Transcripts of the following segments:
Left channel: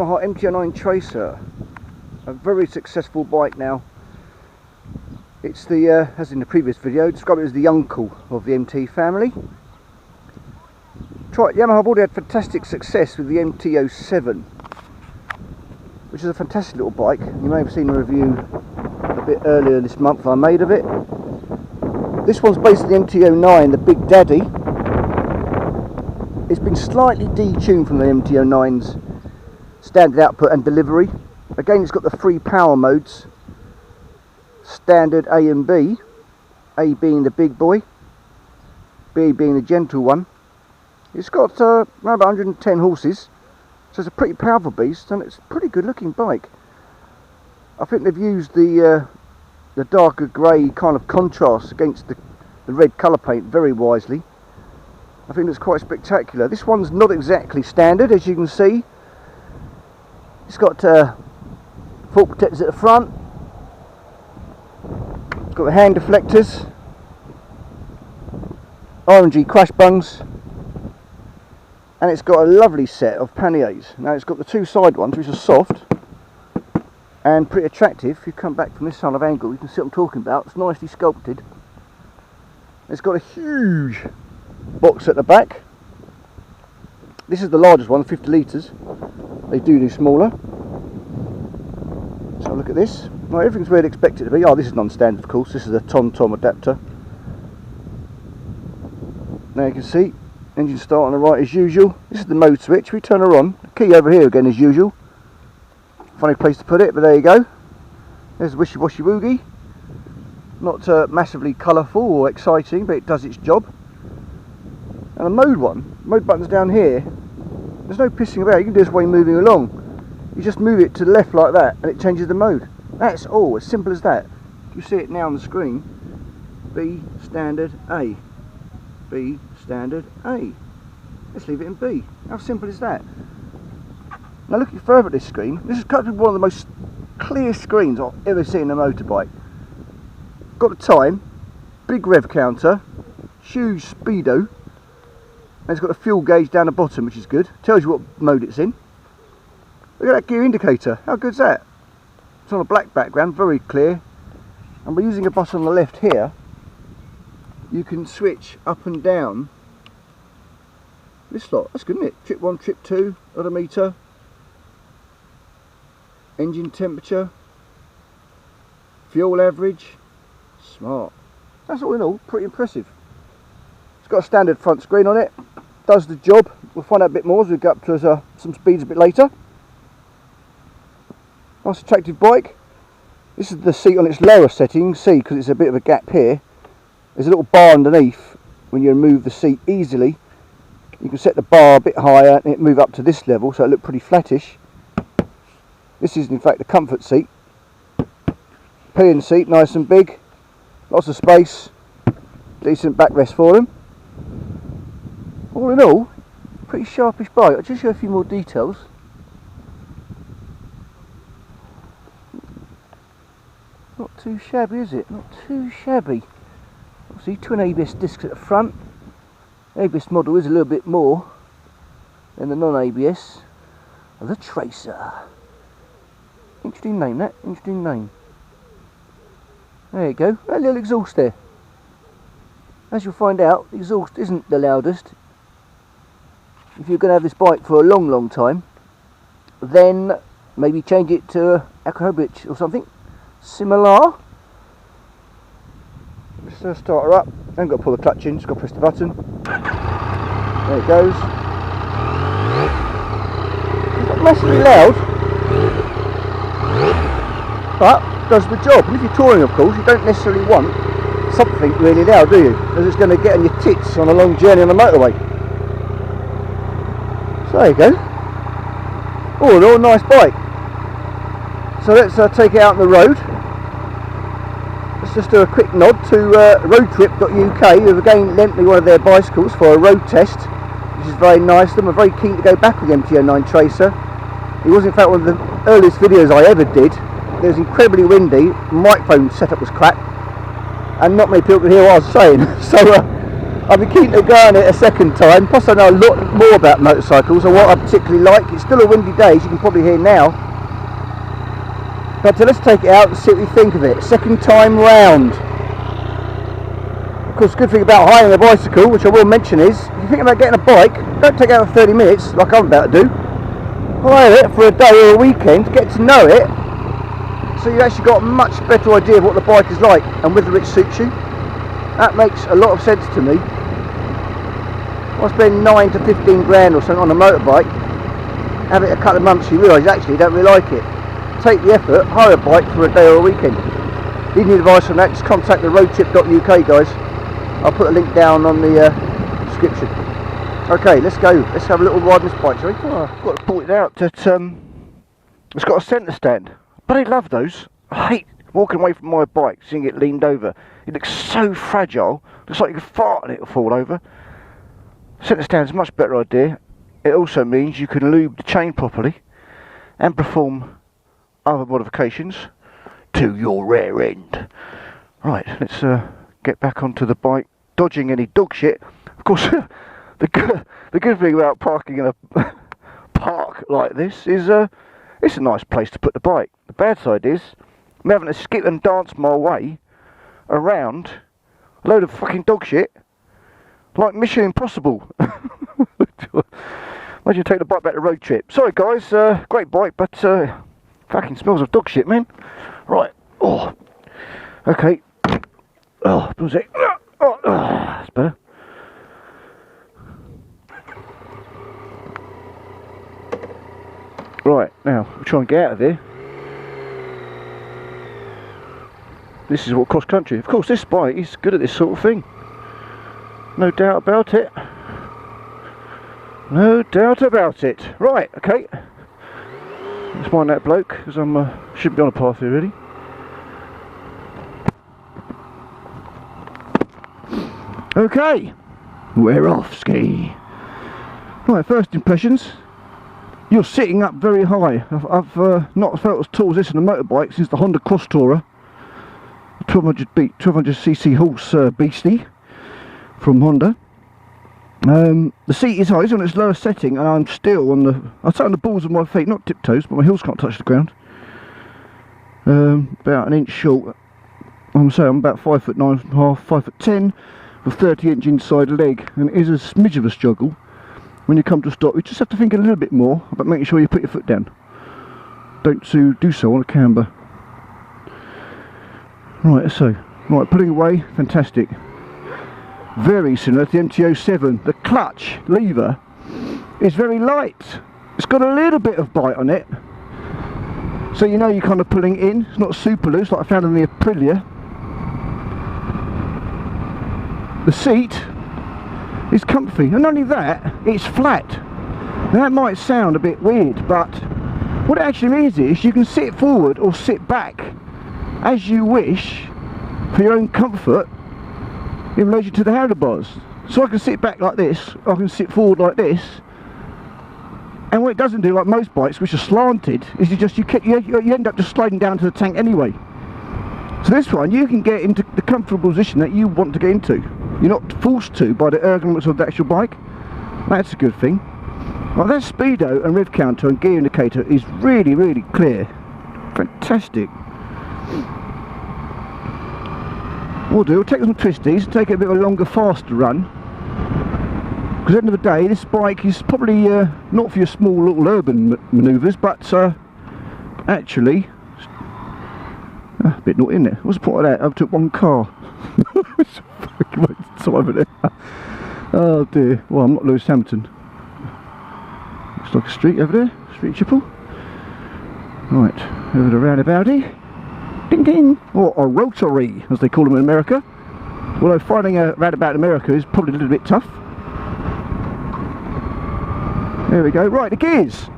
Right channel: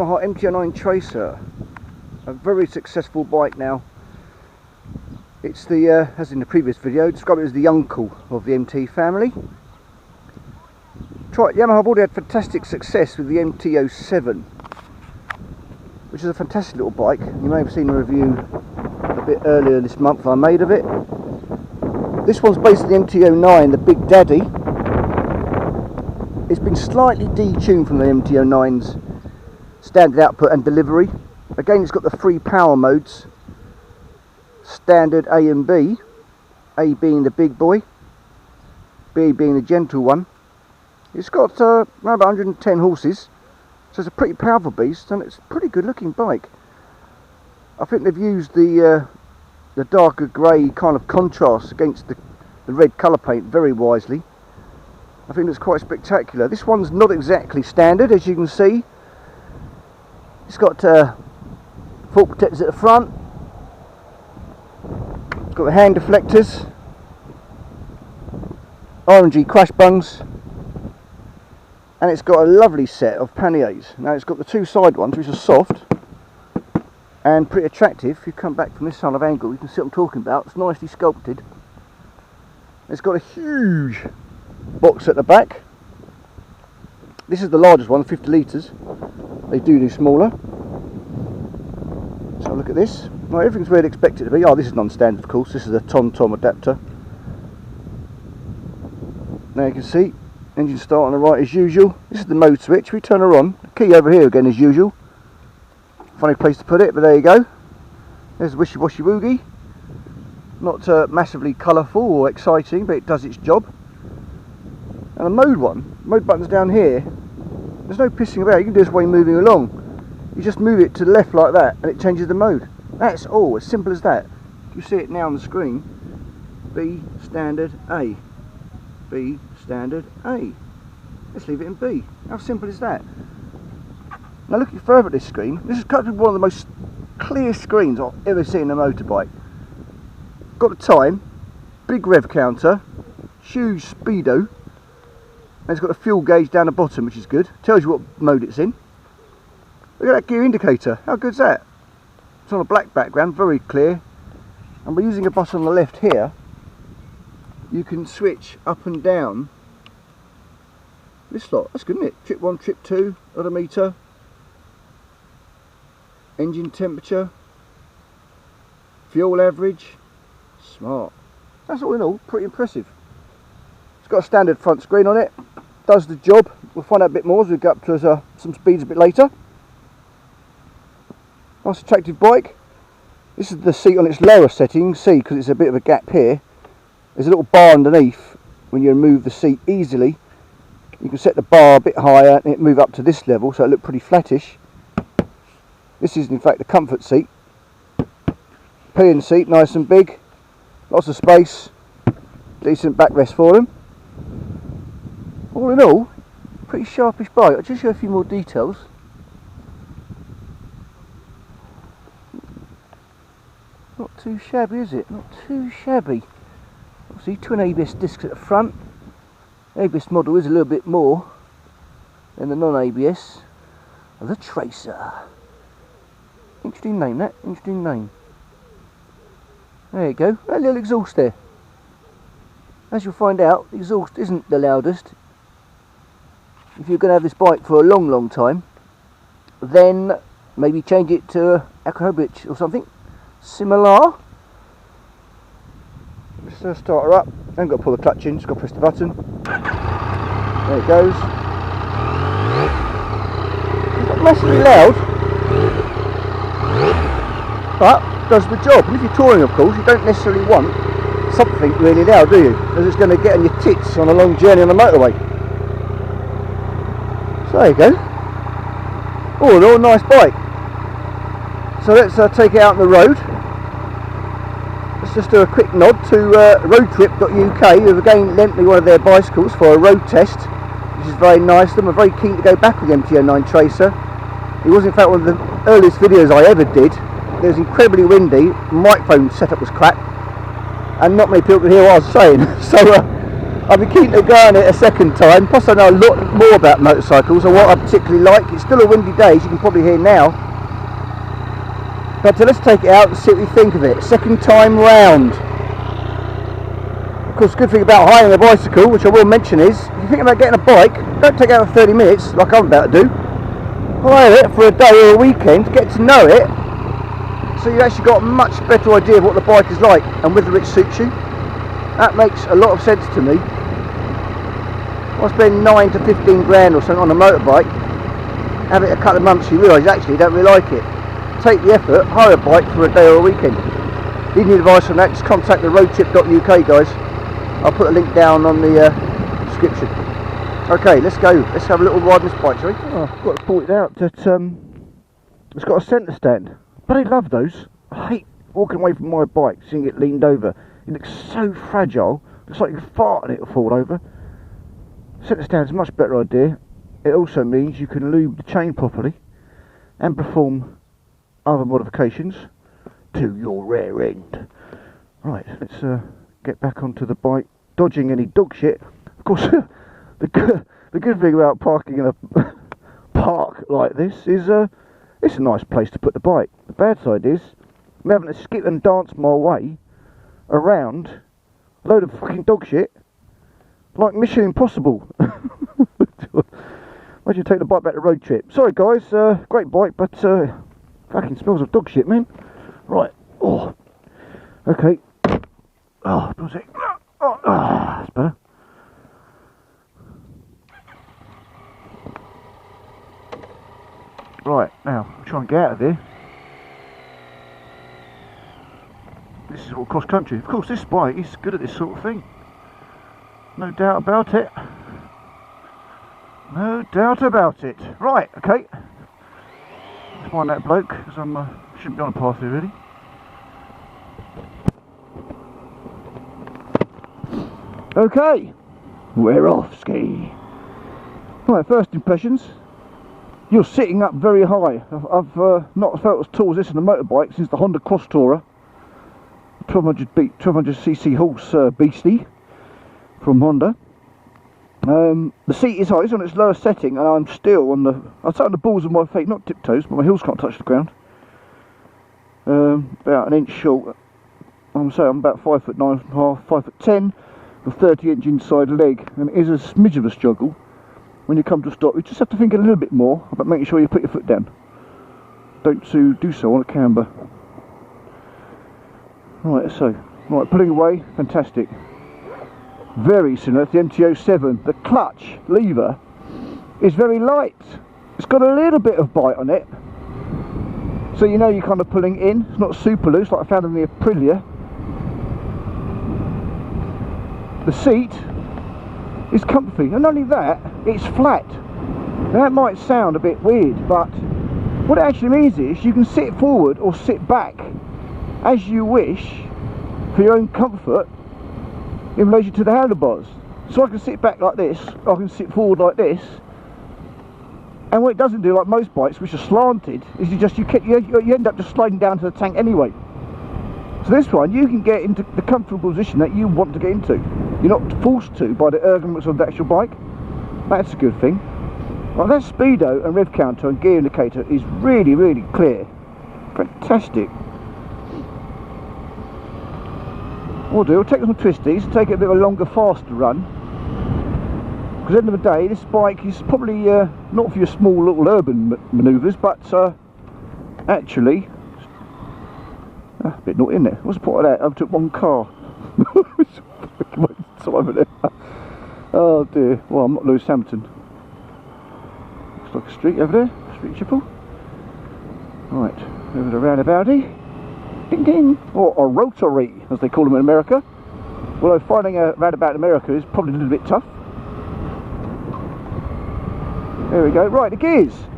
Yamaha MT-09 Tracer, a very successful bike now. It's the, as in the previous video, described it as the uncle of the MT family. Yamaha have already had fantastic success with the MT-07, which is a fantastic little bike. You may have seen a review a bit earlier this month I made of it. This one's based on the MT-09, the Big Daddy. It's been slightly detuned from the MT-09's standard output and delivery. Again, it's got the three power modes, standard A and B, A being the big boy, B being the gentle one. It's got around 110 horses, so it's a pretty powerful beast, and it's a pretty good looking bike. I think they've used the darker grey kind of contrast against the red colour paint very wisely. I think it's quite spectacular. This one's not exactly standard, as you can see. It's got fork protectors at the front. It's got the hand deflectors, RNG crash bungs, and it's got a lovely set of panniers. Now it's got the two side ones, which are soft and pretty attractive. If you come back from this side of angle, you can see what I'm talking about. It's nicely sculpted. It's got a huge box at the back. This is the largest one, 50 litres. They do smaller. So look at this. Well, everything's where I'd expect it to be. Oh, this is non-standard, of course. This is a tom-tom adapter. Now you can see, engine start on the right as usual. This is the mode switch. We turn her on. The key over here again as usual. Funny place to put it, but there you go. There's wishy-washy woogie. Not massively colourful or exciting, but it does its job. And the mode button's down here. There's no pissing about. You can do this while you're moving along. You just move it to the left like that, and it changes the mode. That's all, as simple as that. You see it now on the screen. B standard A. B standard A. Let's leave it in B. How simple is that? Now looking further at this screen, this is probably one of the most clear screens I've ever seen in a motorbike. Got the time, big rev counter, huge speedo, and it's got a fuel gauge down the bottom, which is good. Tells you what mode it's in. Look at that gear indicator. How good's that? It's on a black background, very clear. And by using a button on the left here, you can switch up and down this lot. That's good, isn't it? Trip 1, trip 2, odometer, engine temperature, fuel average. Smart. That's all in all pretty impressive. It's got a standard front screen on it. Does the job. We'll find out a bit more as we go up to some speeds a bit later. Nice attractive bike. This is the seat on its lower setting. See, because it's a bit of a gap here, there's a little bar underneath. When you remove the seat easily, you can set the bar a bit higher and it move up to this level, so it look pretty flattish. This is in fact the comfort seat. Pillion seat, nice and big, lots of space, decent backrest for them. All in all, pretty sharpish bike. I'll just show a few more details. Not too shabby, is it? Not too shabby. Obviously, twin ABS discs at the front. The ABS model is a little bit more than the non-ABS. The Tracer. Interesting name, that. Interesting name. There you go. That little exhaust there. As you'll find out, the exhaust isn't the loudest. If you're going to have this bike for a long time, then maybe change it to Aerodynamic or something similar. Let's start her up. I haven't got to pull the clutch in, just got to press the button. There it goes. It's not massively loud, but does the job. And if you're touring, of course, you don't necessarily want something really loud, do you? Because it's going to get on your tits on a long journey on the motorway. So there you go. All in all, nice bike. So let's take it out on the road. Let's just do a quick nod to roadtrip.uk, who've again lent me one of their bicycles for a road test, which is very nice of them. I'm very keen to go back with the MT-09 Tracer. It was in fact one of the earliest videos I ever did. It was incredibly windy, microphone setup was crap, and not many people could hear what I was saying. So I'll be keen to go on it a second time. Plus I know a lot more about motorcycles and what I particularly like. It's still a windy day, as you can probably hear now. But let's take it out and see what we think of it. Second time round. Of course, the good thing about hiring a bicycle, which I will mention, is if you think about getting a bike, don't take it out for 30 minutes like I'm about to do. Hire it for a day or a weekend, get to know it, so you've actually got a much better idea of what the bike is like and whether it suits you. That makes a lot of sense to me. I spend 9 to 15 grand or something on a motorbike, have it a couple of months, you realise actually you don't really like it. Take the effort, hire a bike for a day or a weekend. Need any advice on that, just contact the roadtrip.uk guys. I'll put a link down on the description. Okay, let's go. Let's have a little ride on this bike, shall we? Oh, I've got to point out that it's got a centre stand. But I love those. I hate walking away from my bike, seeing it leaned over. It looks so fragile. Looks like you could fart and it'll fall over. Centre stand's a much better idea. It also means you can lube the chain properly and perform other modifications to your rear end. Right, let's get back onto the bike, dodging any dog shit. Of course, the good thing about parking in a park like this is it's a nice place to put the bike. The bad side is I'm having to skip and dance my way around a load of fucking dog shit like Mission Impossible. Imagine taking the bike back to road trip. Sorry guys, great bike, but fucking smells of dog shit, man. Right, oh, okay. Oh, was it? Oh, that's better. Right, now we'll try and get out of here. This is what cross country. Of course, this bike is good at this sort of thing. No doubt about it. No doubt about it. Right, okay. Let's find that bloke, because I should be on a path here really. Okay, we're off, ski. Right, first impressions. You're sitting up very high. I've not felt as tall as this in a motorbike since the Honda Cross Tourer. 1200cc horse beastie from Honda. The seat is high, it's on its lowest setting, and I'm still on the. I sat on the balls of my feet, not tiptoes, but my heels can't touch the ground. About an inch short. I'm about 5'9.5", 5'10", with 30-inch inside leg, and it is a smidge of a struggle. When you come to a stop, you just have to think a little bit more about making sure you put your foot down. Don't do so on a camber. Right, so, pulling away, fantastic. Very similar to the MT-07. The clutch lever is very light. It's got a little bit of bite on it, so you know you're kind of pulling in. It's not super loose like I found in the Aprilia. The seat is comfy, and not only that, it's flat. Now that might sound a bit weird, but what it actually means is you can sit forward or sit back as you wish for your own comfort in relation to the handlebars. So I can sit back like this, I can sit forward like this, and what it doesn't do, like most bikes which are slanted, is you end up just sliding down to the tank anyway. So this one, you can get into the comfortable position that you want to get into. You're not forced to by the ergonomics of the actual bike. That's a good thing. Well, that speedo and rev counter and gear indicator is really, really clear. Fantastic. What I'll do, I'll take some twisties, take it a bit of a longer, faster run. Because at the end of the day, this bike is probably not for your small little urban manoeuvres, but actually, a bit naughty, isn't it? What's the point of that? I took one car. Oh dear. Well, I'm not Lewis Hamilton. Looks like a street over there. Street triple. Right, over the roundabouty. Ding ding. Or a rotary, as they call them in America. Although finding a roundabout in America is probably a little bit tough. There we go. Right, the gears.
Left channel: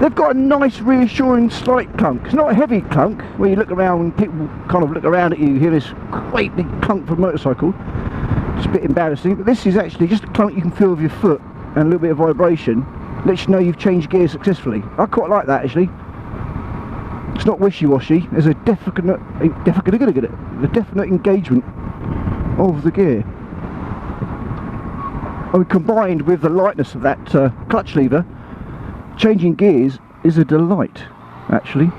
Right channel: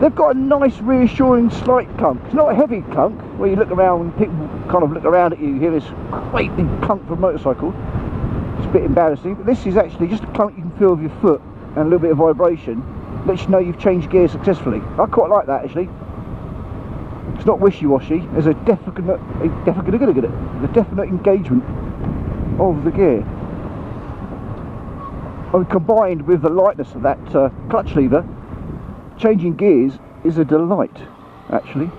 They've got a nice reassuring slight clunk. It's not a heavy clunk where you look around and people kind of look around at you, hear this great big clunk from a motorcycle. It's a bit embarrassing, but this is actually just a clunk you can feel with your foot and a little bit of vibration. Lets you know you've changed gear successfully. I quite like that actually. It's not wishy-washy. There's a definite engagement of the gear. And combined with the lightness of that clutch lever, changing gears is a delight, actually.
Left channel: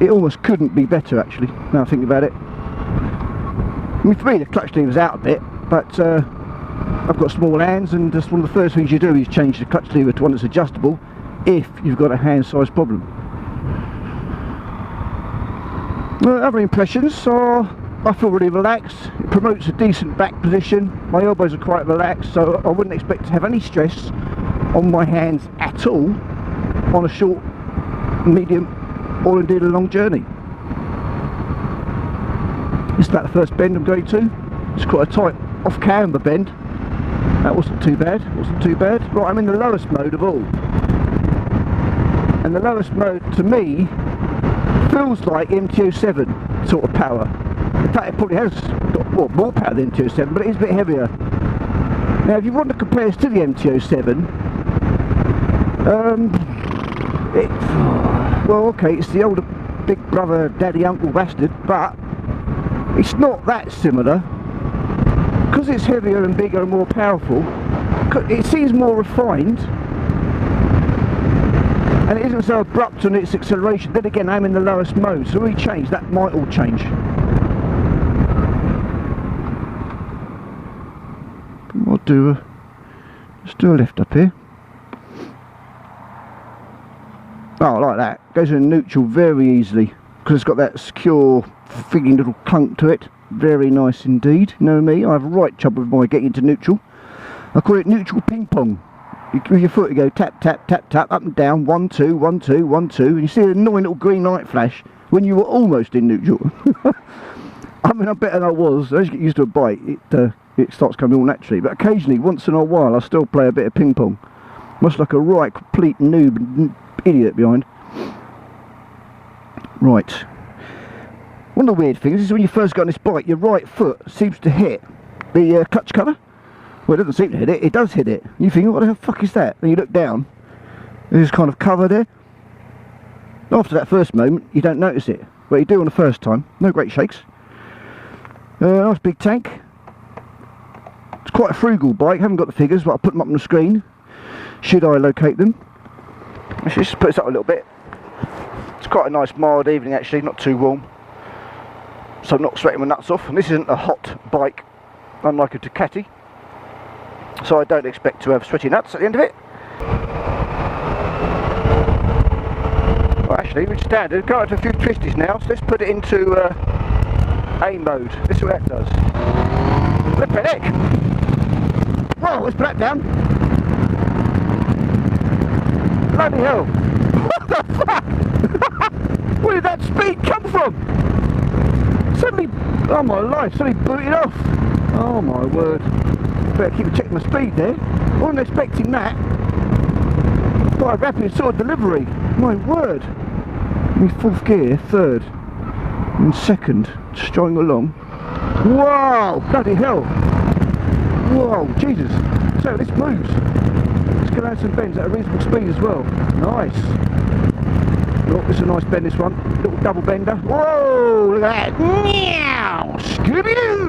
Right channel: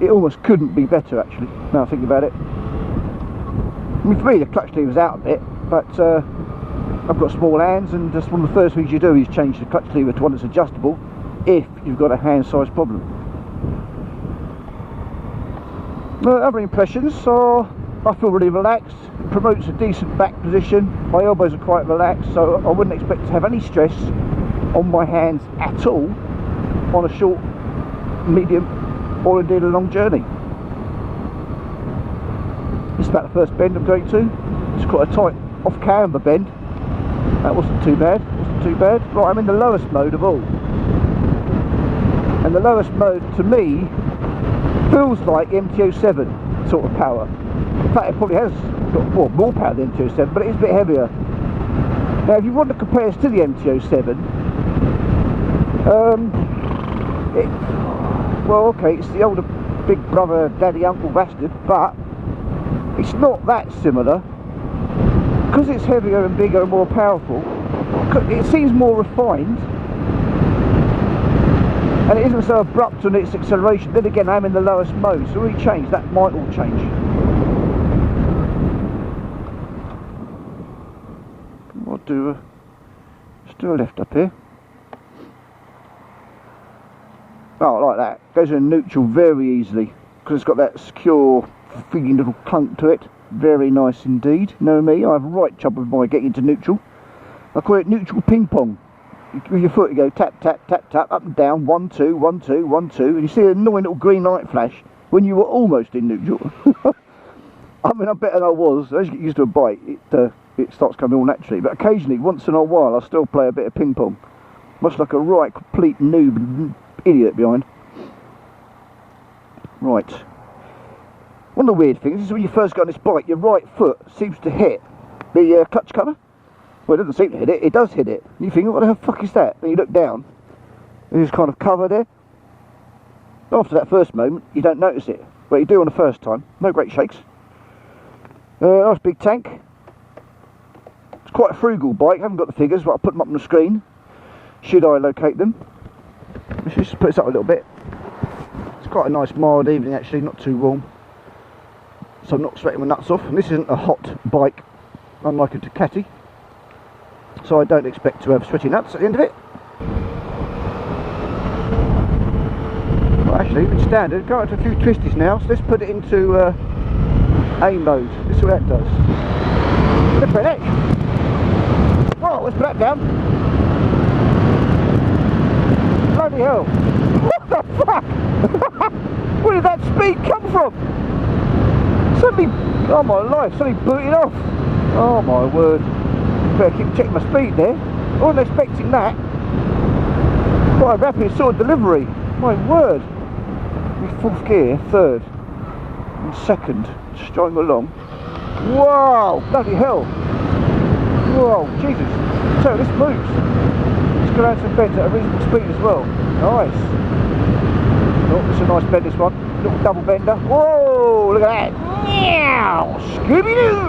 It almost couldn't be better, actually, now I think about it. I mean, for me the clutch lever's out a bit, but I've got small hands, and just one of the first things you do is change the clutch lever to one that's adjustable if you've got a hand size problem. Other impressions are, I feel really relaxed. It promotes a decent back position. My elbows are quite relaxed, so I wouldn't expect to have any stress on my hands at all on a short, medium, or indeed a long journey. This is about the first bend I'm going to. It's quite a tight off-camber bend. That wasn't too bad. Wasn't too bad. Right, I'm in the lowest mode of all. And the lowest mode to me feels like MT-07 sort of power. In fact, it probably has got more power than MT-07, but it is a bit heavier. Now, if you want to compare this to the MT-07, well, okay, it's the older big brother, daddy, uncle bastard, but it's not that similar. Because it's heavier and bigger and more powerful, it seems more refined, and it isn't so abrupt on its acceleration. Then again, I'm in the lowest mode, so we change, that might all change. Let's do a left up here. Oh, like that. Goes in neutral very easily, because it's got that secure feeling little clunk to it. Very nice indeed. You know me, I have right trouble with my getting into neutral. I call it neutral ping pong. With your foot you go tap, tap, tap, tap, up and down, 1, 2, 1, 2, 1, 2, and you see an annoying little green light flash when you were almost in neutral. I mean, I'm better than I was. As you get used to a bike, it starts coming all naturally, but occasionally, once in a while, I still play a bit of ping pong. Much like a right complete noob and idiot behind. Right. One of the weird things is when you first get on this bike, your right foot seems to hit the clutch cover. Well, it doesn't seem to hit it, it does hit it. You think, what the fuck is that? Then you look down, there's kind of cover there. After that first moment, you don't notice it, but you do on the first time. No great shakes. Nice big tank. It's quite a frugal bike, haven't got the figures, but I'll put them up on the screen, should I locate them. Let's just put this up a little bit. It's quite a nice mild evening actually, not too warm. So I'm not sweating my nuts off, and this isn't a hot bike, unlike a Ducati. So I don't expect to have sweaty nuts at the end of it. Well, actually, we're standard. Go out to a few twisties now, so let's put it into A mode. This is what that does. Flip it. Oh, let's put that down. Bloody hell. What the fuck? Where did that speed come from? Suddenly, oh my life, suddenly booted off. Oh my word. Better keep checking my speed there. I wasn't expecting that. Quite a rapid sort of delivery. My word. In fourth gear, third, and second, just going along. Whoa! Bloody hell! Whoa, Jesus! So this moves. Let's go down some bends at a reasonable speed as well. Nice. Oh, it's a nice bend, this one. Little double bender. Whoa! Look at that! Meow! Scooby-Doo!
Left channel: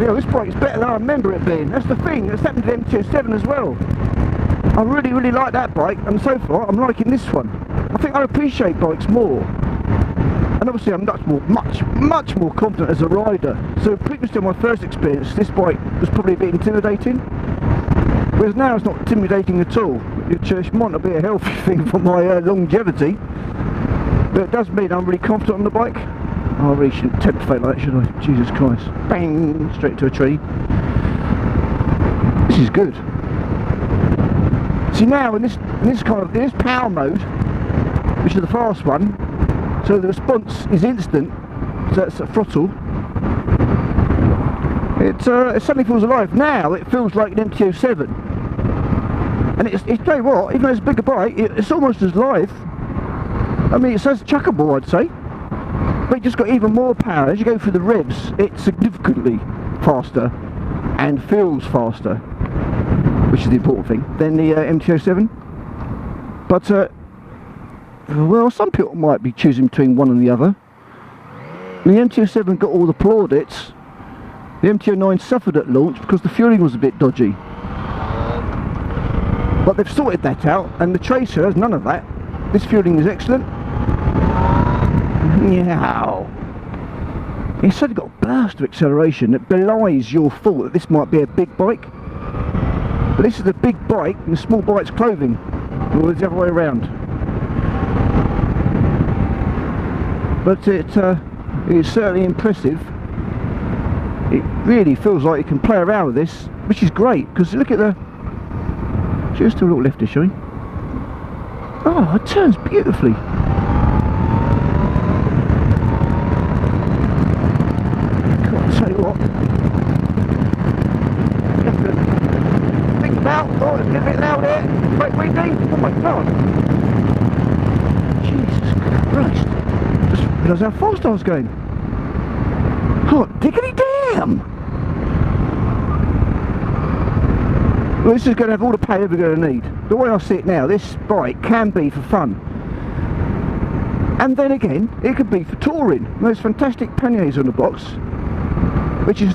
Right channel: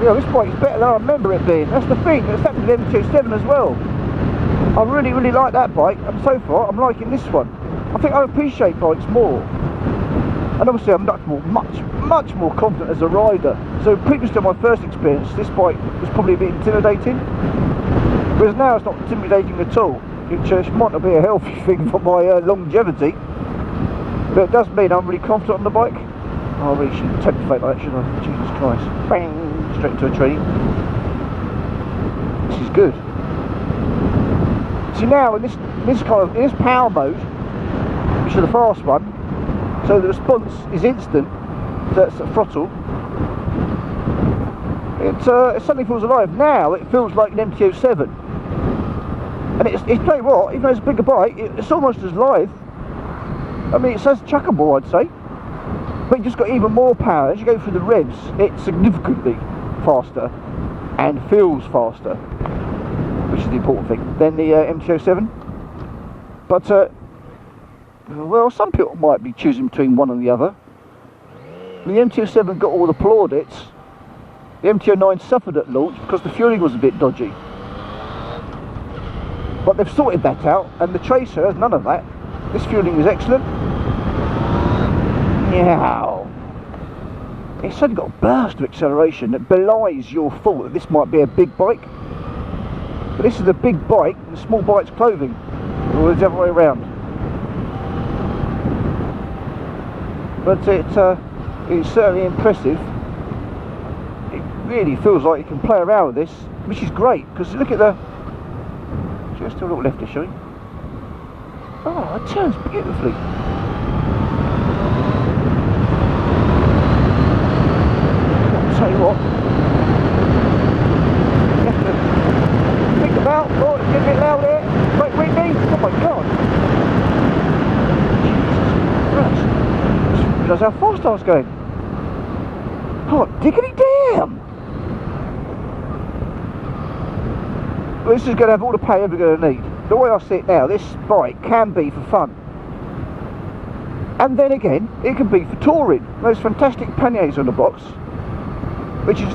This bike's better than I remember it being. That's the thing, that's happened to the MT-07 as well. I really like that bike, and so far I'm liking this one. I think I appreciate bikes more. And obviously I'm much more confident as a rider. So previously to my first experience, this bike was probably a bit intimidating. Whereas now it's not intimidating at all. It might not be a healthy thing for my longevity. But it does mean I'm really confident on the bike. Oh, I really shouldn't tempt fate like that, should I? Jesus Christ. Bang! Straight into a tree. This is good. See now, in this power mode, which is the fast one, so the response is instant, so it's at throttle. It suddenly feels alive. Now it feels like an MT-07. And it's tell you what, even though it's a bigger bike, it's almost as live. I mean, it says chuckable, I'd say. But it just got even more power. As you go through the revs, it's significantly faster and feels faster, which is the important thing, than the MT-07. But, well, some people might be choosing between one and the other. And the MT-07 got all the plaudits The MT-09 suffered at launch because the fueling was a bit dodgy. But they've sorted that out, and the Tracer has none of that. This fueling is excellent. Meow. It's suddenly got a burst of acceleration that belies your thought that this might be a big bike. But this is a big bike in a small bike's clothing. Or the other way around. But it's certainly impressive. It really feels like you can play around with this, which is great, because look at the... Just do a little lefty, shall we? Oh, it turns beautifully. I'll tell you what. Think about, oh, it's getting a bit loud here. Wait, windy. Oh my god. Jesus Christ. I just realised how fast I was going. Hot diggity damn! Well, this is going to have all the power we're going to need. The way I see it now, this bike can be for fun. And then again, it can be for touring. There's fantastic panniers on the box, which is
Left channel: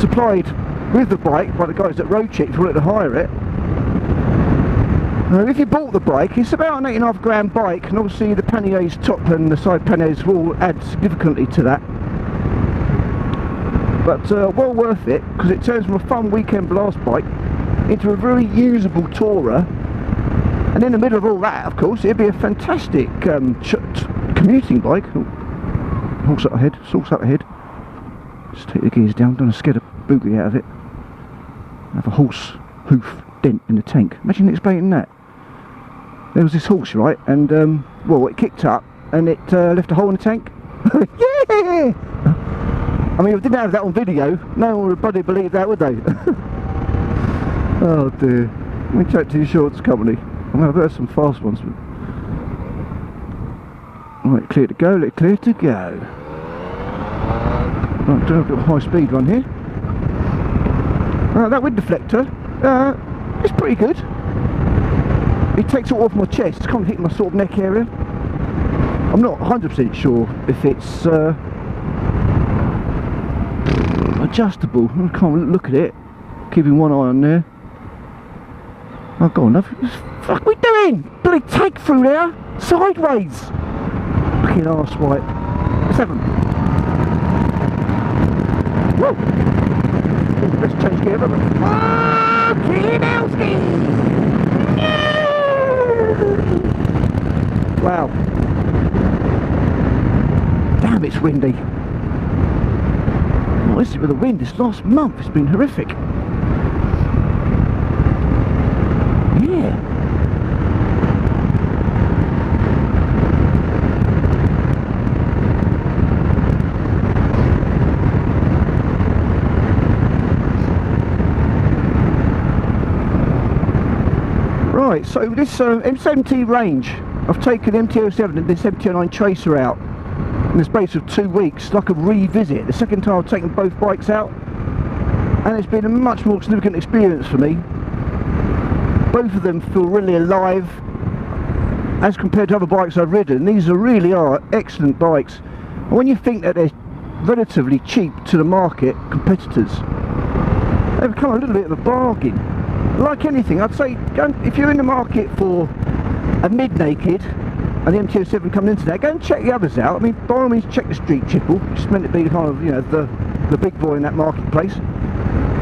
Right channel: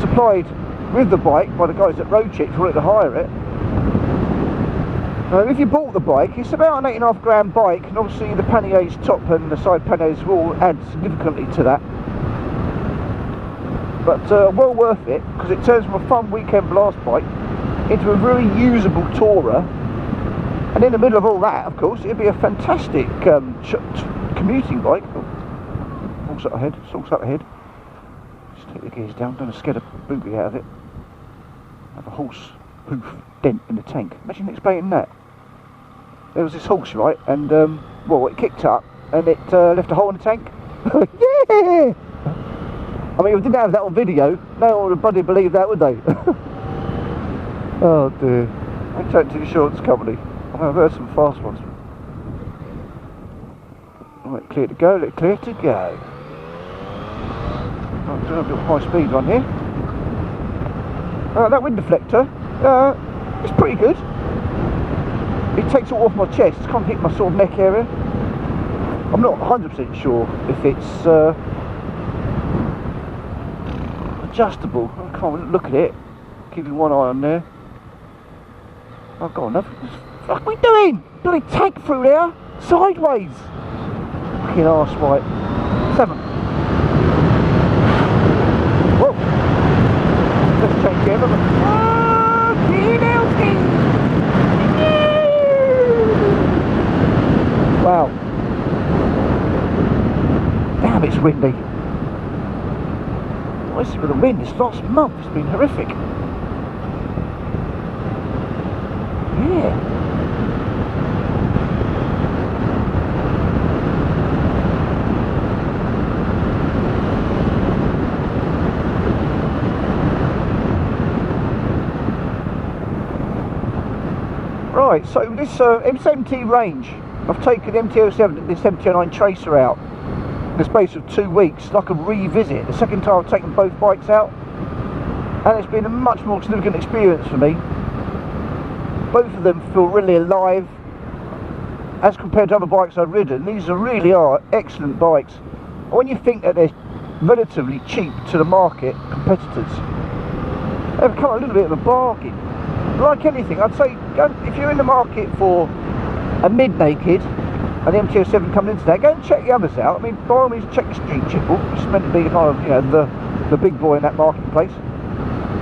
supplied with the bike by the guys at Road Check if you wanted to hire it. If you bought the bike, it's about an 8.5 grand bike, and obviously the panniers top and the side panniers will add significantly to that. But well worth it, because it turns from a fun weekend blast bike into a very usable tourer, and in the middle of all that, of course, it'd be a fantastic commuting bike. Horse up ahead, sauce up ahead. Just take the gears down, don't scare the boogie out of it. Have a horse hoof dent in the tank. Imagine explaining that. There was this horse, right, and well, it kicked up and it left a hole in the tank. Yeah! I mean, if I didn't have that on video, no one would bloody believe that, would they? Oh dear. We take two shorts company. I mean, I've heard some fast ones, but... Let it clear to go, let it clear to go. I'm doing a bit of high speed one here. That wind deflector, it's pretty good. It takes it off my chest, it's kind of hitting my sort of neck area. I'm not 100% sure if it's adjustable. Come on, look at it. Keeping one eye on there. Oh, go on, what the fuck are we doing? Bloody take through there, sideways. Fucking arse, right. 7. Whoa. Let's change camera. Wow. Damn, it's windy. Well, this is with the wind. This last month has been horrific. Right, so this M70 range, I've taken the MT-07 and this MT-09 Tracer out in the space of 2 weeks, like a revisit. The second time I've taken both bikes out, and it's been a much more significant experience for me. Both of them feel really alive as compared to other bikes I've ridden. These really are excellent bikes. When you think that they're relatively cheap to the market competitors, they become a little bit of a bargain. Like anything, I'd say if you're in the market for a mid-naked and the MT-07 coming into that, go and check the others out. I mean, by all means, check the Street Chickle, which is meant to be kind of, you know, the big boy in that marketplace.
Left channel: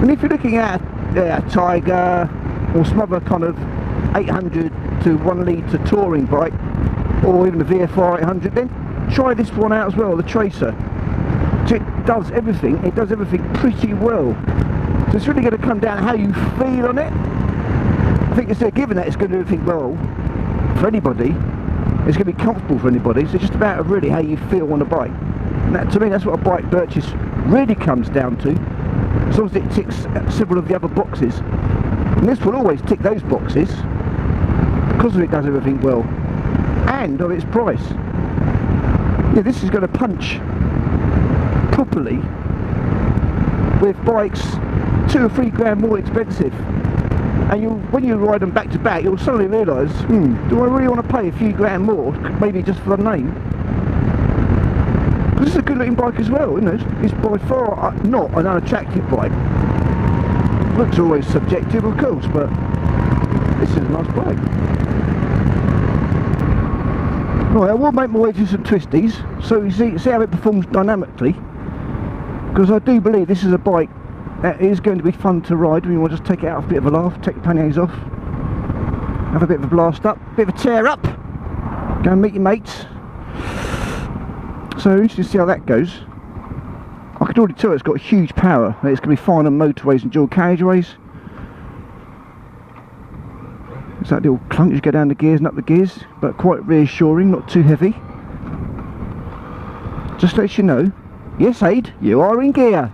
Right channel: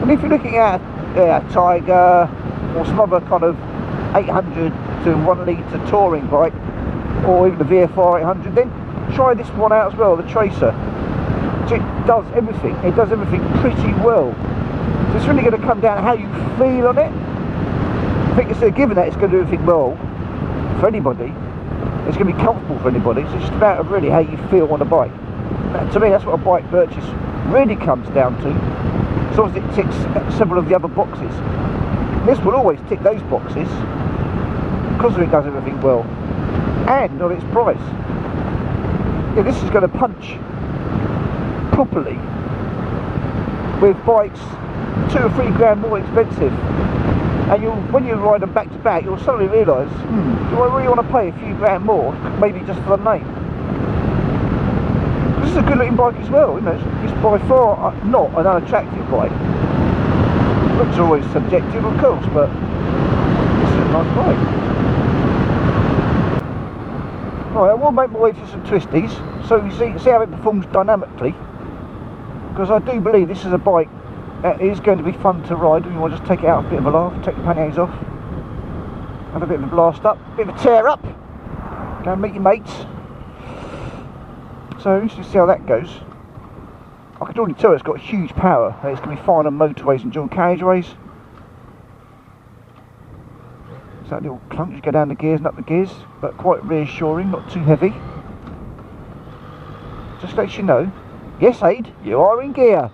And if you're looking at a Tiger or some other kind of 800 to 1 litre touring bike, or even the VFR 800, then try this one out as well, the Tracer. It does everything. It does everything pretty well. So it's really going to come down to how you feel on it. I think it's a given that it's going to do everything well for anybody. It's going to be comfortable for anybody. So it's just about really how you feel on a bike. Now, to me, that's what a bike purchase really comes down to. As long as it ticks several of the other boxes. And this will always tick those boxes because it does everything well. And on its price. Yeah, this is going to punch properly with bikes 2 or 3 grand more expensive, and when you ride them back to back, you'll suddenly realise, do I really want to pay a few grand more, maybe just for the name? This is a good looking bike as well, isn't it? It's by far not an unattractive bike. Looks always subjective, of course, but it's a nice bike. Right, I will make my way through some twisties, so you see how it performs dynamically. Because I do believe this is a bike that is going to be fun to ride when you want to just take it out, a bit of a laugh, take the panniers off, have a bit of a blast up, a bit of a tear up, go and meet your mates. So interesting to see how that goes. I can already tell it's got huge power and it's going to be fine on motorways and dual carriageways. It's that little clunk as you go down the gears and up the gears, but quite reassuring, not too heavy. Just lets you know, yes Aid, you are in gear.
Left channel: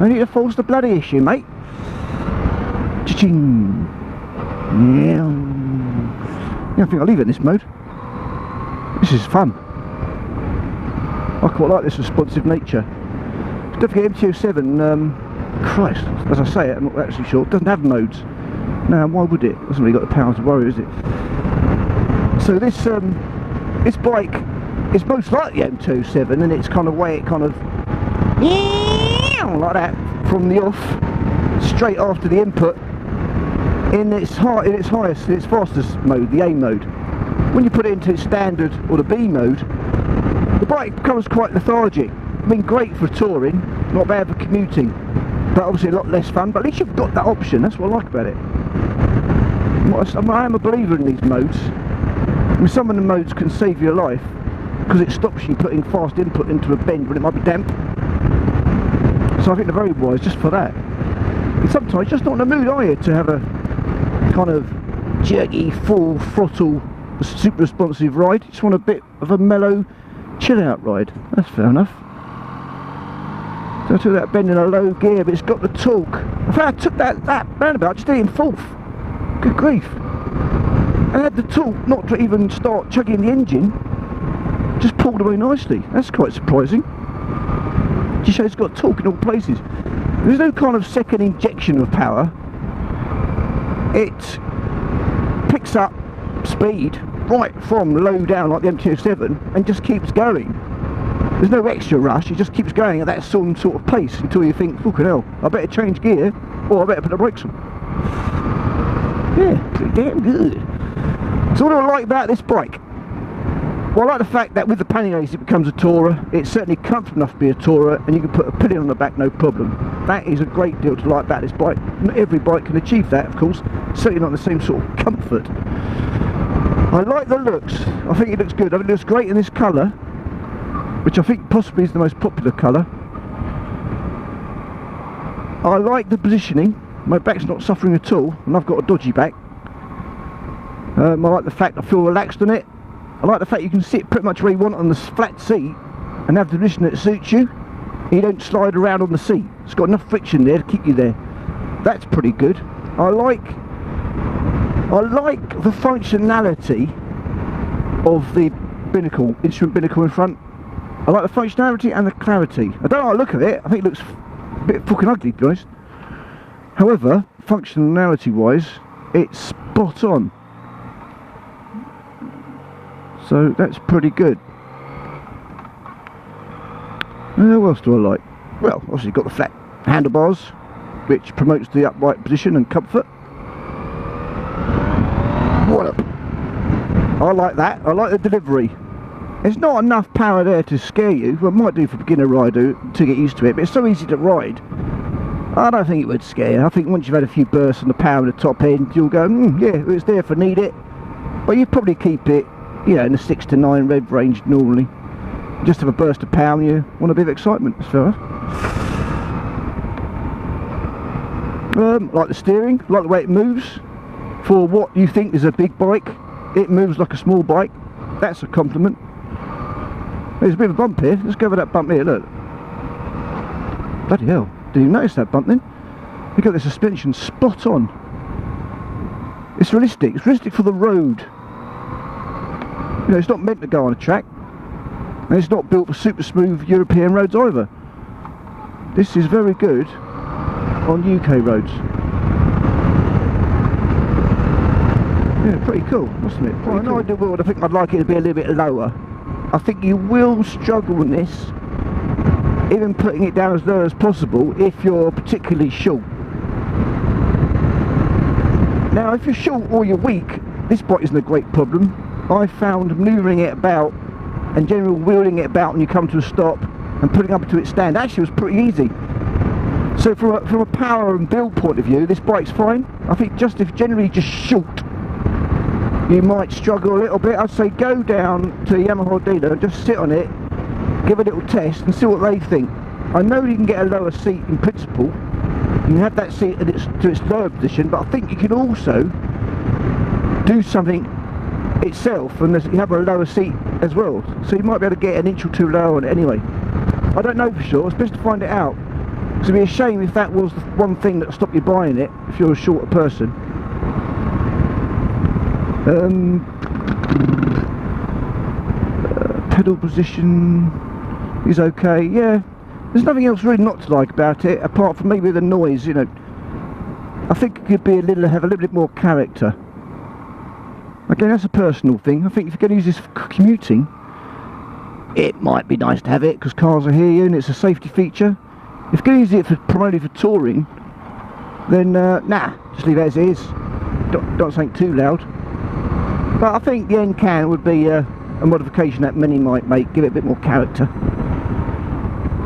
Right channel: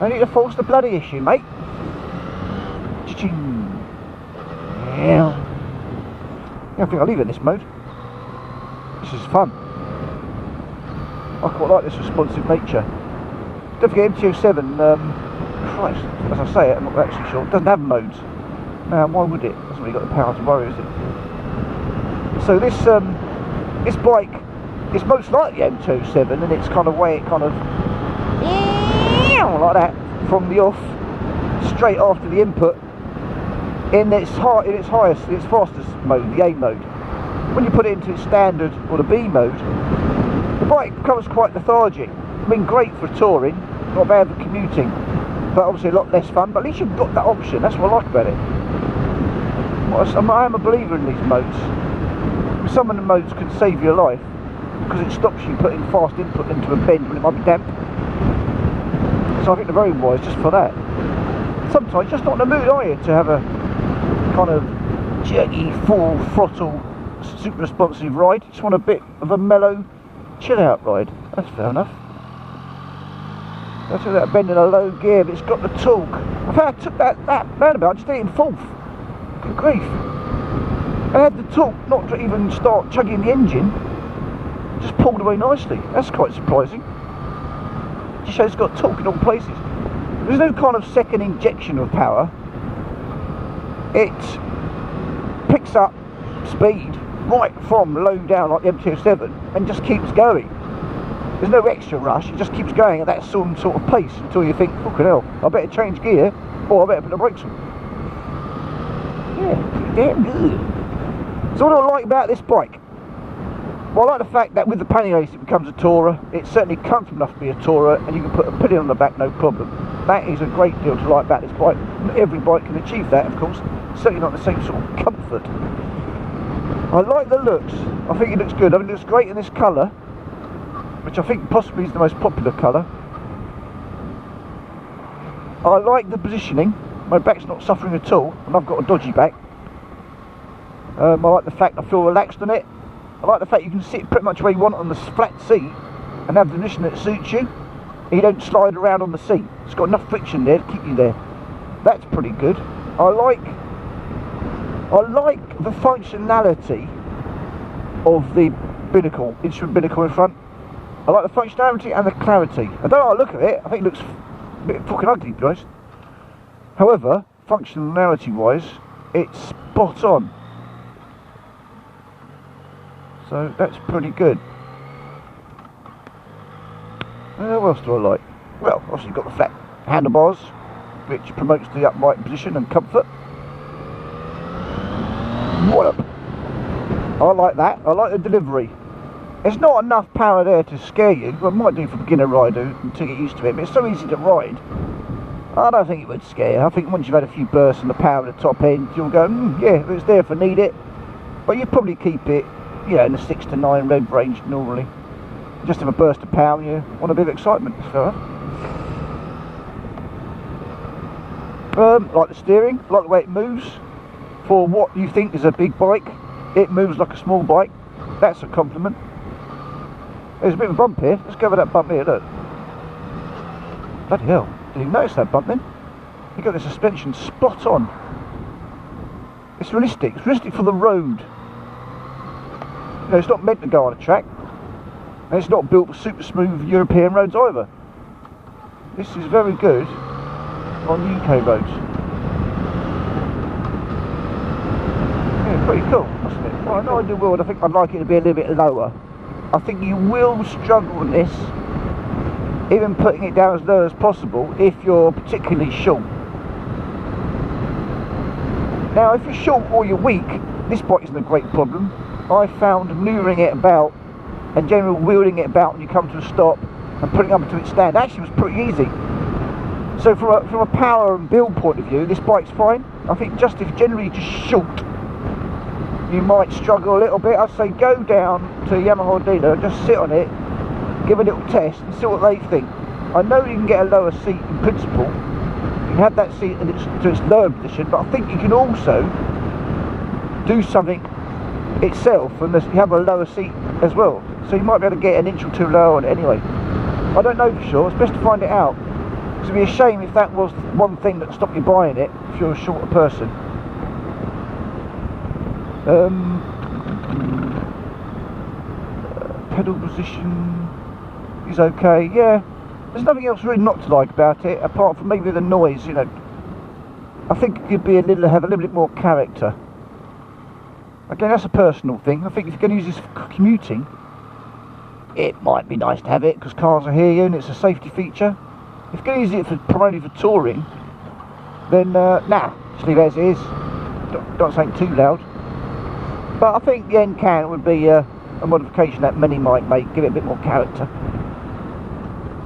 No need to force the bloody issue, mate. Cha-ching. Yeah. I think I'll leave it in this mode. This is fun. I quite like this responsive nature. Don't forget MT-07, Christ, as I say it, I'm not actually sure, it doesn't have modes. Now, why would it? It hasn't really got the power to worry, is it? So this bike is most like the MT-07 in its kind of way, it kind of like that from the off, straight after the input, in its highest, its fastest mode, the A mode. When you put it into its standard or the B mode, the bike becomes quite lethargic. I mean, great for touring, not bad for commuting, but obviously a lot less fun, but at least you've got that option. That's what I like about it. I am a believer in these modes. I mean, some of the modes can save your life because it stops you putting fast input into a bend when it might be damp. So I think they're very wise just for that. And sometimes you're just not in the mood, are you, to have a kind of jerky, full throttle, super responsive ride. You just want a bit of a mellow, chill out ride. That's fair enough. So I took that bend in a low gear, but it's got the torque. In fact, I took that roundabout, I just did it in fourth. Good grief. I had the torque not to even start chugging the engine, just pulled away nicely. That's quite surprising. Just shows it's got torque in all places. There's no kind of second injection of power. It picks up speed right from low down like the MT-07 and just keeps going. There's no extra rush, it just keeps going at that sort of pace until you think, fucking hell, I better change gear or I better put the brakes on. Yeah, pretty damn good. So what do I like about this bike? Well, I like the fact that with the panniers it becomes a tourer. It's certainly comfortable enough to be a tourer, and you can put a pillion on the back no problem. That is a great deal to like about this bike. Not every bike can achieve that, of course, certainly not the same sort of comfort. I like the looks, I think it looks good. I mean, it looks great in this colour, which I think possibly is the most popular colour. I like the positioning. My back's not suffering at all, and I've got a dodgy back. I like the fact I feel relaxed on it. I like the fact you can sit pretty much where you want on the flat seat and have the position that suits you. You don't slide around on the seat. It's got enough friction there to keep you there. That's pretty good. I like the functionality of the binnacle, instrument binnacle in front. I like the functionality and the clarity. I don't like the look of it. I think it looks a bit fucking ugly, to be honest. However, functionality wise, it's spot on. So that's pretty good. Now, what else do I like? Well, obviously you've got the flat handlebars, which promotes the upright position and comfort. What up? I like that. I like the delivery. There's not enough power there to scare you. Well, it might do for a beginner rider to get used to it, but it's so easy to ride. I don't think it would scare you. I think once you've had a few bursts on the power of the top end, you'll go, yeah, it's there if I need it. But you probably keep it, you know, in the 6 to 9 rev range normally. Just have a burst of power and you want a bit of excitement, it's fair enough. Like the steering, like the way it moves. For what you think is a big bike, it moves like a small bike. That's a compliment. There's a bit of a bump here. Let's go over that bump here, look. Bloody hell, didn't even notice that bump then. You've got the suspension spot on. It's realistic for the road. You know, it's not meant to go on a track. And it's not built for super smooth European roads either. This is very good on UK roads. Yeah, pretty cool, isn't it? Well, in the ideal world, I think I'd like it to be a little bit lower. I think you will struggle with this even putting it down as low as possible if you're particularly short. Now if you're short or you're weak, this bike isn't a great problem. I found manoeuvring it about and generally wheeling it about when you come to a stop and putting it up to its stand actually was pretty easy. So from a power and build point of view, this bike's fine. I think just if generally just short, you might struggle a little bit. I'd say go down to the Yamaha dealer, just sit on it, give a little test and see what they think. I know you can get a lower seat in principle. You have that seat in to its lower position, but I think you can also do something itself and you have a lower seat as well. So you might be able to get an inch or two lower on it anyway. I don't know for sure, it's best to find it out. It'd be a shame if that was the one thing that stopped you buying it, if you're a shorter person. Pedal position is okay, yeah. There's nothing else really not to like about it, apart from maybe the noise, you know. I think it could be have a little bit more character. Again, that's a personal thing. I think if you're going to use this for commuting, it might be nice to have it, because cars are here and it's a safety feature. If you're going to use it primarily for touring, then nah, just leave it as it is. Don't say it too loud. But I think the end can would be a modification that many might make, give it a bit more character.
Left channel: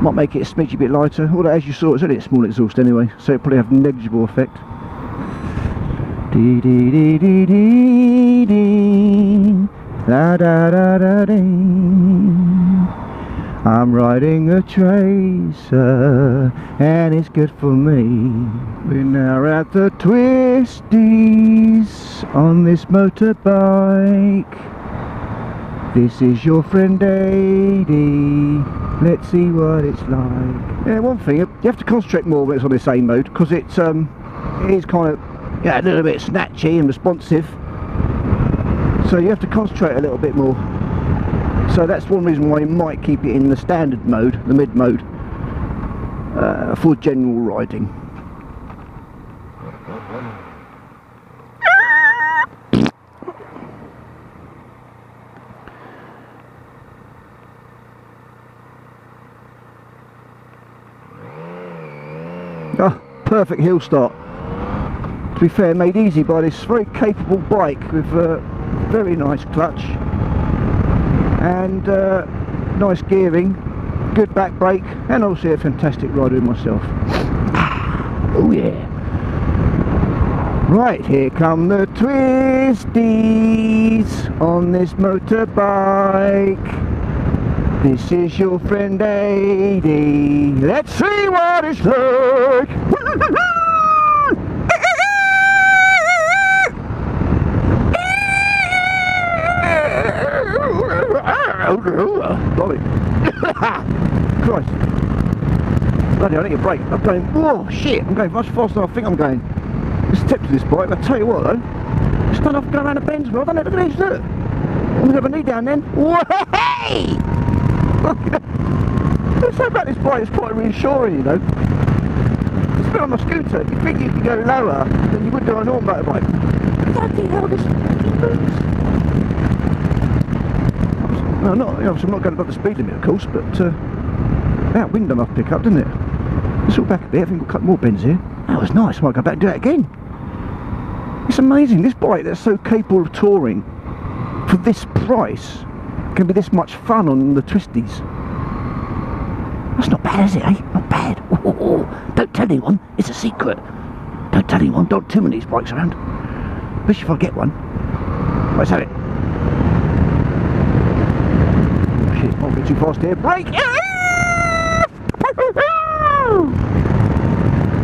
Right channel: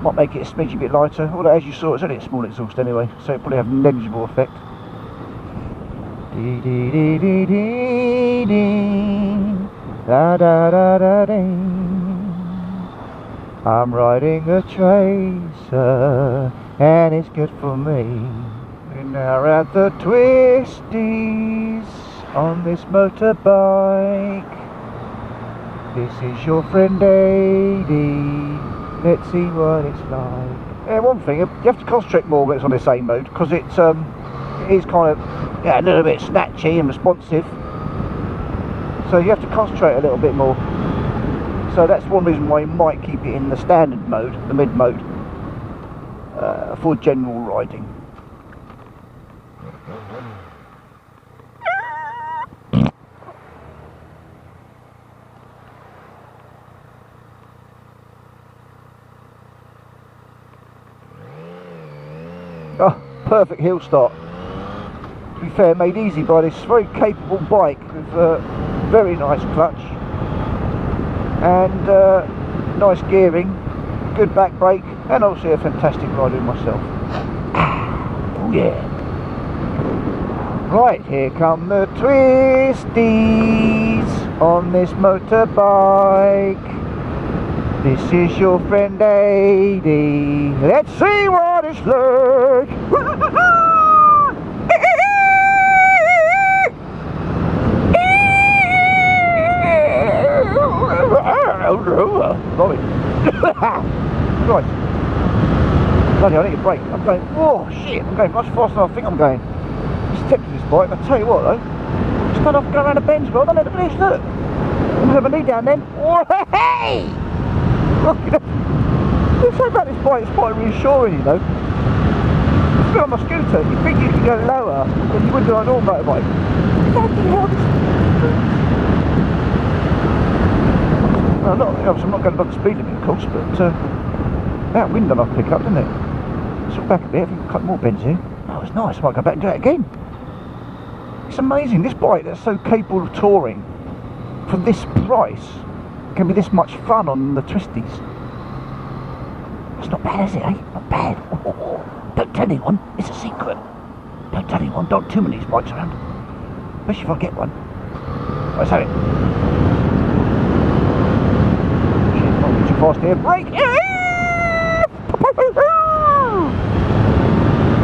Might make it a smidgy bit lighter. Although as you saw, it's only a small exhaust anyway, so it'll probably have a negligible effect. Dee dee dee dee dee dee, la da da da dee. I'm riding a tracer, and it's good for me. We're now at the twisties on this motorbike. This is your friend Adi. Let's see what it's like. Yeah, one thing, you have to concentrate more when it's on this A mode, because it's kind of a little bit snatchy and responsive. So you have to concentrate a little bit more. So that's one reason why you might keep it in the standard mode, the mid mode, for general riding. Oh, perfect hill start. To be fair, made easy by this very capable bike with very nice clutch and nice gearing, good back brake, and also a fantastic rider myself. Oh yeah. Right, here come the twisties on this motorbike. This is your friend Adi. Let's see what it's like. Christ. Bloody hell, I need a brake. I'm going, oh shit, I'm going much faster than I think I'm going. It's tipped to this bike, but I'll tell you what though, it's done off going around the bends well, don't it? Look at this, look. I'm going to have a knee down then. Way! Something about this bike is quite reassuring, you know. It's a bit on my scooter, you think you can go lower than you would do on a normal motorbike. Bloody hell, this... No, I'm not going above the speed limit, of course, but that wind I might pick up, didn't it? Let's look back a bit, I think we've got more bends here. That was nice, I might go back and do it again. It's amazing, this bike that's so capable of touring, for this price, can be this much fun on the twisties. That's not bad, is it, eh? Not bad. Ooh, don't tell anyone, it's a secret. Don't tell anyone, don't too many of these bikes around. Especially if I get one. Let's have it. Too fast here, brake!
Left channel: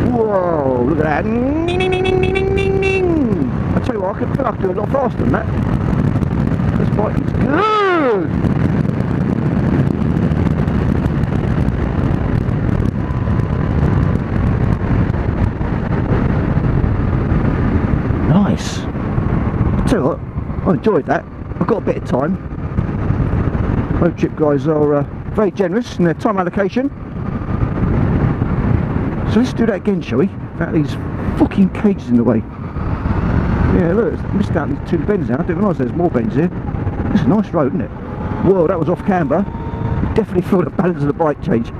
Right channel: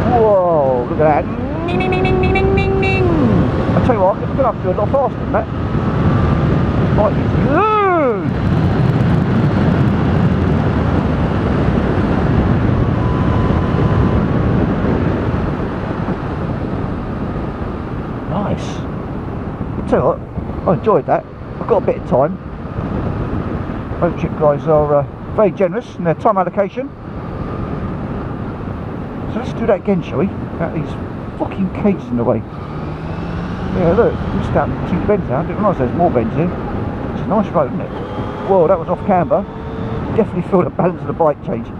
Whoa, look at that! Ning, ning, ning, ning, ning, ning, ning. I tell you what, I could do a lot faster than that. This bike needs to go. Nice. I tell you what, I enjoyed that. I've got a bit of time. Road trip guys are very generous in their time allocation. So let's do that again, shall we? Out these fucking cages in the way. Yeah, look, missed out on 2 bends now. I didn't realise there's more bends here. It's a nice road, isn't it? Whoa, that was off camber. Definitely felt the balance of the bike change.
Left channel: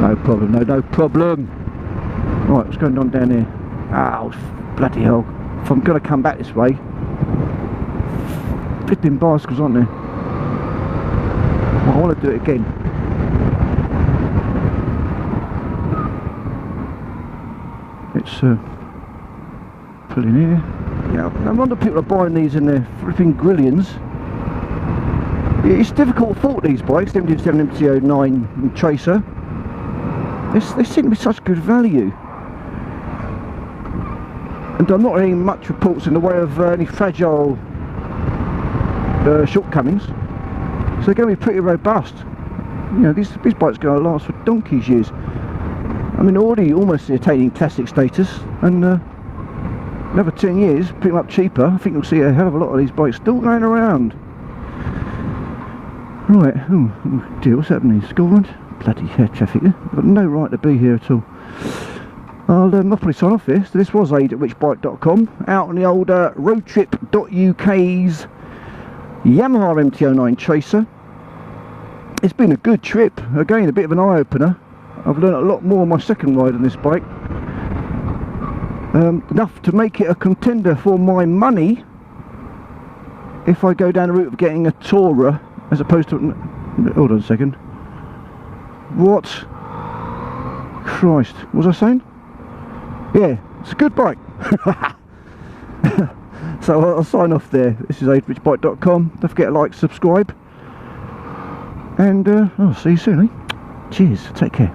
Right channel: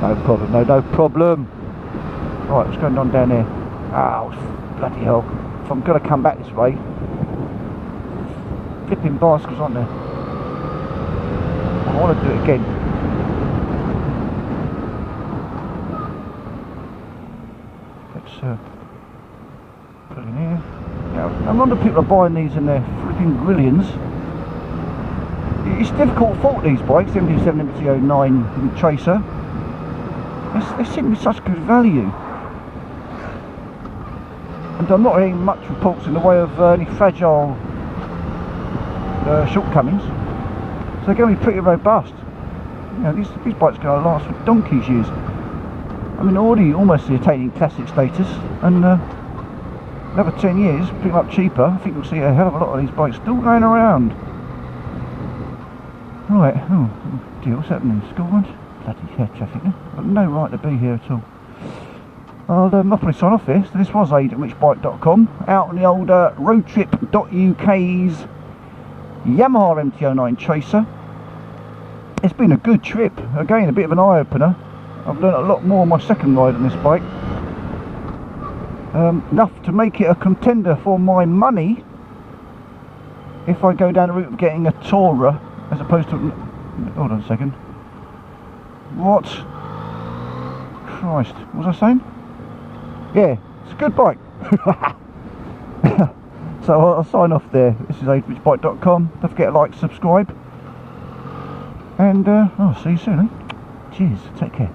No problem, no problem. Right, what's going on down there? Oh, bloody hell. If I'm going to come back this way, flipping bicycles, aren't there? I want to do it again. It's pulling here. Yeah, no wonder people are buying these in their flipping grillions. It's difficult to fault these bikes, the MT-07, MT-09 and Tracer. They seem to be such good value. And I'm not hearing much reports in the way of any fragile shortcomings. So they're going to be pretty robust. You know, these bikes are going to last for donkey's years. I mean, already almost attaining classic status, and another 10 years, pretty much cheaper. I think you'll see a hell of a lot of these bikes still going around. Right, oh dear, what's happening? Scotland? Bloody traffic. I've got no right to be here at all. I'll probably sign off here. So this was aid@whichbike.com, out on the old roadtrip.uk's Yamaha MT-09 Tracer. It's been a good trip. Again, a bit of an eye-opener. I've learned a lot more on my second ride on this bike. Enough to make it a contender for my money if I go down the route of getting a Tourer as opposed to... Hold on a second. What? Christ, what was I saying? Yeah, it's a good bike. So I'll sign off there. This is aid@whichbike.com. Don't forget to like, subscribe, and I'll see you soon. Cheers, take care.